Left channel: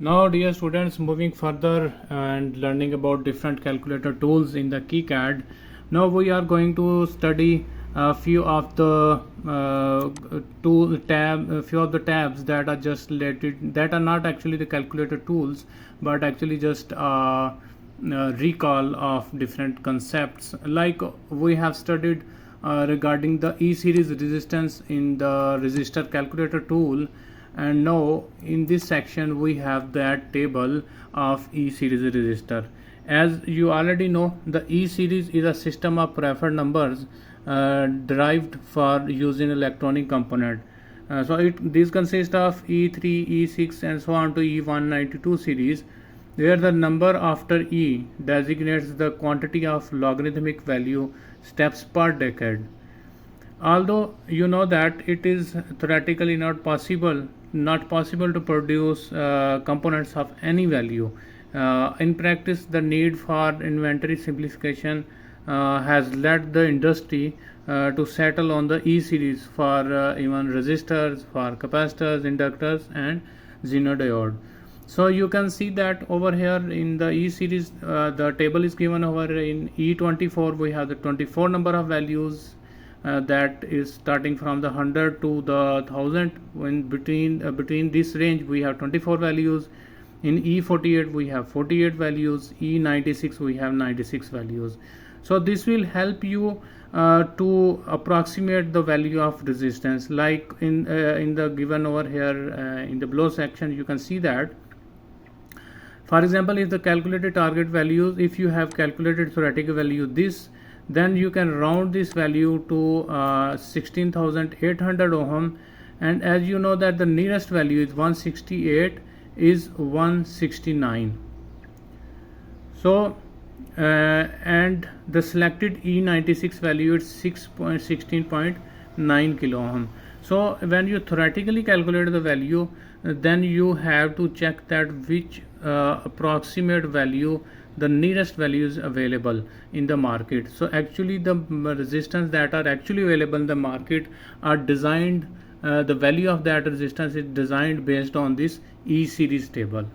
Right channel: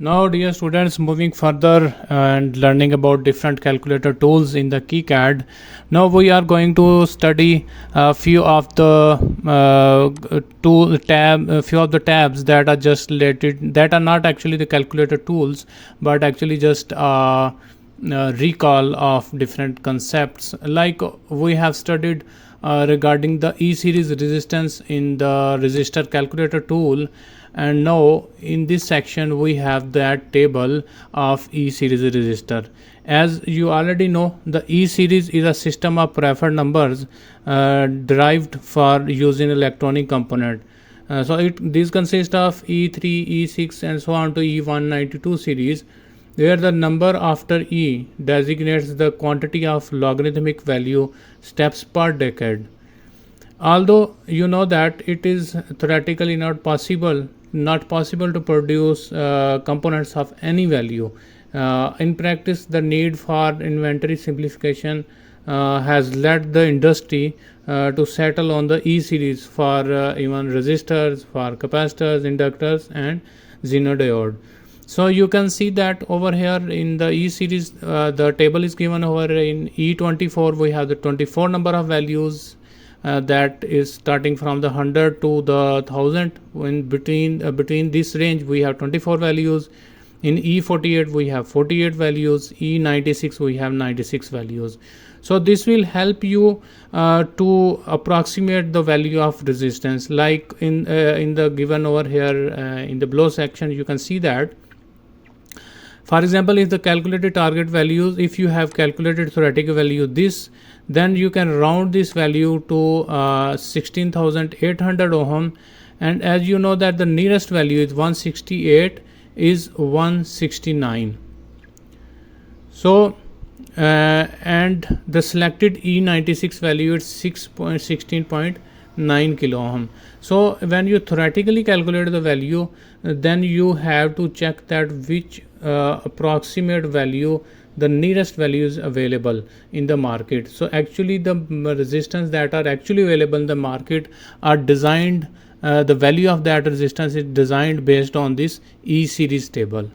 Now, dear students, moving further and learning about different calculator tools in the KiCad. Now we are going to study a few of the few of the tabs that are just related, that are not actually the calculator tools, but actually just recall of different concepts. Like we have studied regarding the E series resistance in the resistor calculator tool, and now in this section we have that table of E series resistor. As you already know, the E series is a system of preferred numbers derived for using electronic component. These consist of E3, E6 and so on to E192 series, where the number after E designates the quantity of logarithmic value steps per decade. Although you know that it is theoretically not possible to produce components of any value. In practice, the need for inventory simplification has led the industry to settle on the E series for even resistors, for capacitors, inductors and xenodiode. So you can see that over here in the E series, the table is given over in E24. We have the 24 number of values that is starting from the 100 to the 1000. In between this range we have 24 values. In E48 we have 48 values. E96 we have 96 values. So this will help you to approximate the value of resistance. Like in the given over here in the below section, you can see that, for example, if the calculated target values, if you have calculated theoretical value this, then you can round this value to 16,800 ohm. And as you know that the nearest value is 168 is 169. So and the selected E96 value is 16.9 kilo ohm. So when you theoretically calculate the value, then you have to check that which approximate value, the nearest value is available in the market. So actually the resistance that are actually available in the market are designed, the value of that resistance is designed based on this E series table.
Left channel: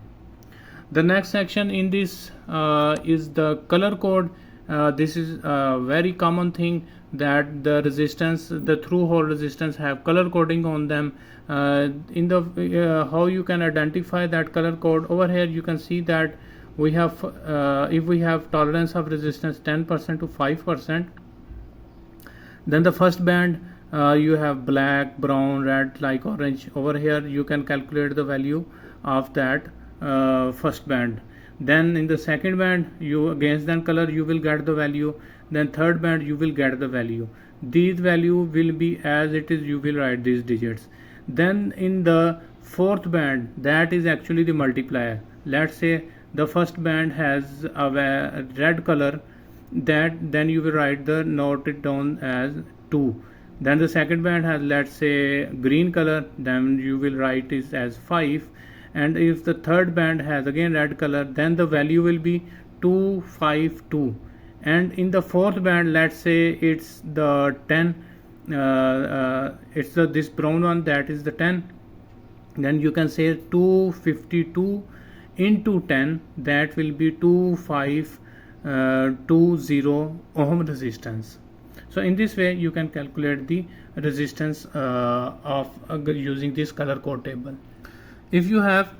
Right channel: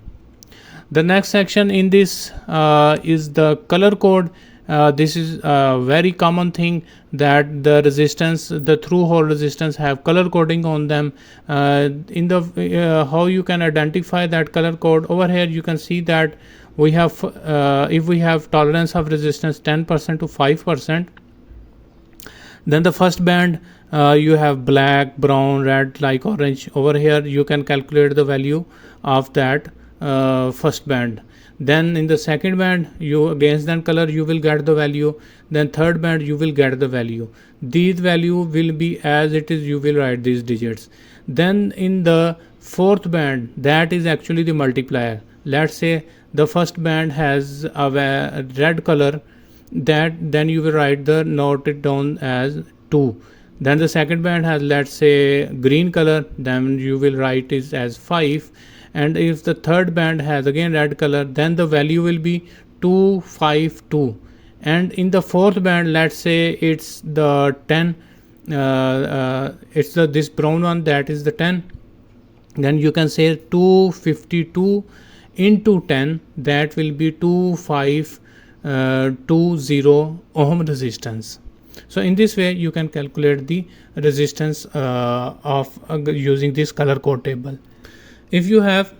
The next section in this is the color code. This is a very common thing that the resistance, the through hole resistance have color coding on them. In the how you can identify that color code, over here you can see that we have if we have tolerance of resistance 10% to 5%, then the first band you have black, brown, red, like orange. Over here you can calculate the value of that first band. Then in the second band, you against that color you will get the value. Then third band you will get the value. These value will be as it is, you will write these digits. Then in the fourth band, that is actually the multiplier. Let's say the first band has a red color, that then you will write the note it down as 2. Then the second band has, let's say, green color, then you will write it as 5. And if the third band has again red color, then the value will be 252. And in the fourth band, let's say it's the 10, it's this brown one, that is the 10, then you can say 252 into 10, that will be 2520 ohm resistance. So in this way you can calculate the resistance of using this color code table. If you have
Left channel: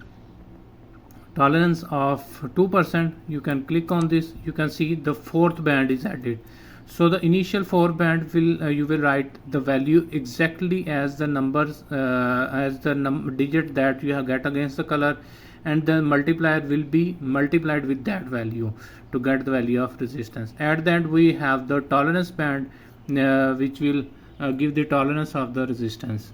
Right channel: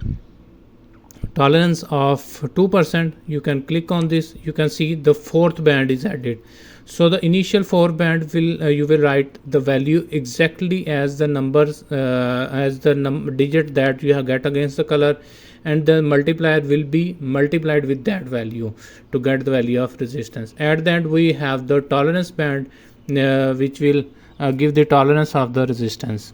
tolerance of 2%, you can click on this. You can see the fourth band is added. So the initial 4 band will you will write the value exactly as the numbers as the digit that you have get against the color, and the multiplier will be multiplied with that value to get the value of resistance. At the end we have the tolerance band which will give the tolerance of the resistance.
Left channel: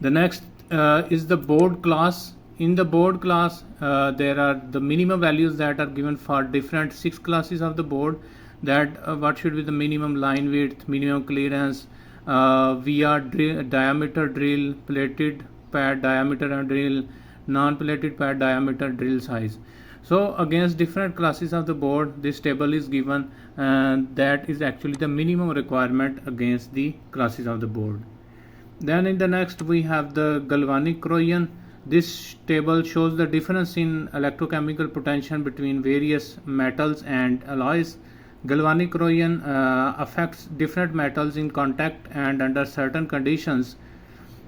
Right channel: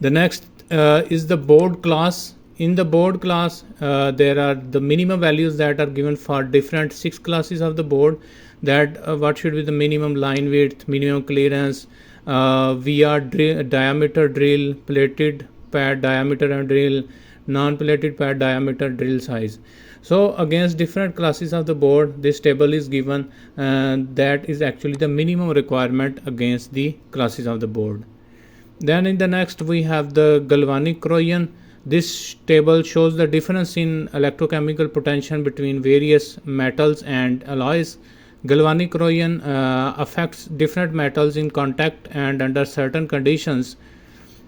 The next is the board class. In the board class there are the minimum values that are given for different 6 classes of the board, that what should be the minimum line width, minimum clearance, VR diameter drill, plated pad diameter and drill, non-plated pad diameter drill size. So against different classes of the board, this table is given, that is actually the minimum requirement against the classes of the board. Then in the next we have the galvanic corrosion. This table shows the difference in electrochemical potential between various metals and alloys. Galvanic corrosion affects different metals in contact and under certain conditions.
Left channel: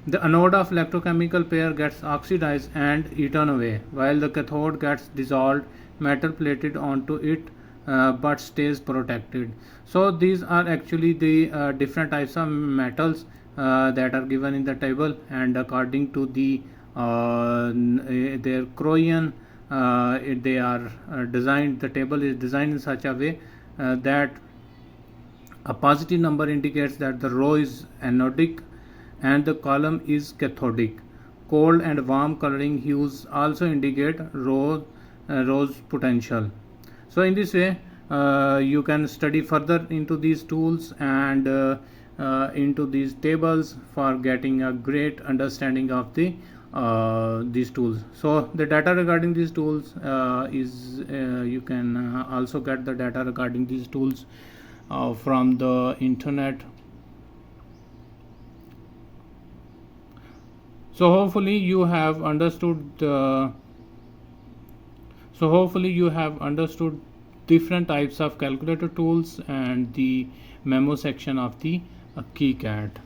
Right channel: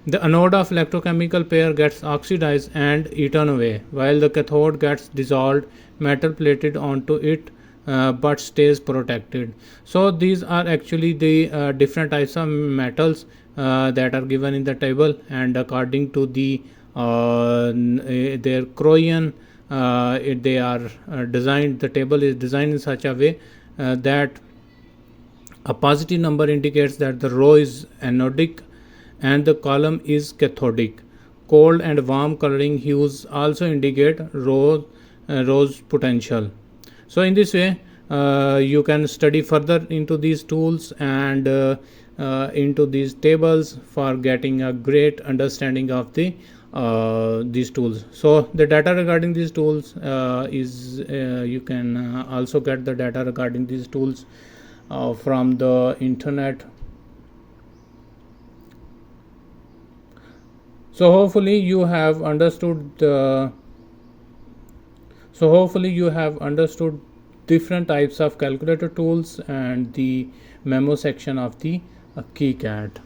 The anode of electrochemical pair gets oxidized and eaten away, while the cathode gets dissolved, metal plated onto it, but stays protected. So these are actually the different types of metals that are given in the table, and according to the their corrosion, they are designed. The table is designed in such a way that a positive number indicates that the row is anodic and the column is cathodic. Cold and warm coloring hues also indicate rose potential. So in this way you can study further into these tools and into these tables for getting a great understanding of these tools. So the data regarding these tools is you can also get the data regarding these tools from the internet. So hopefully you have understood different types of calculator tools and the memo section of the KiCad.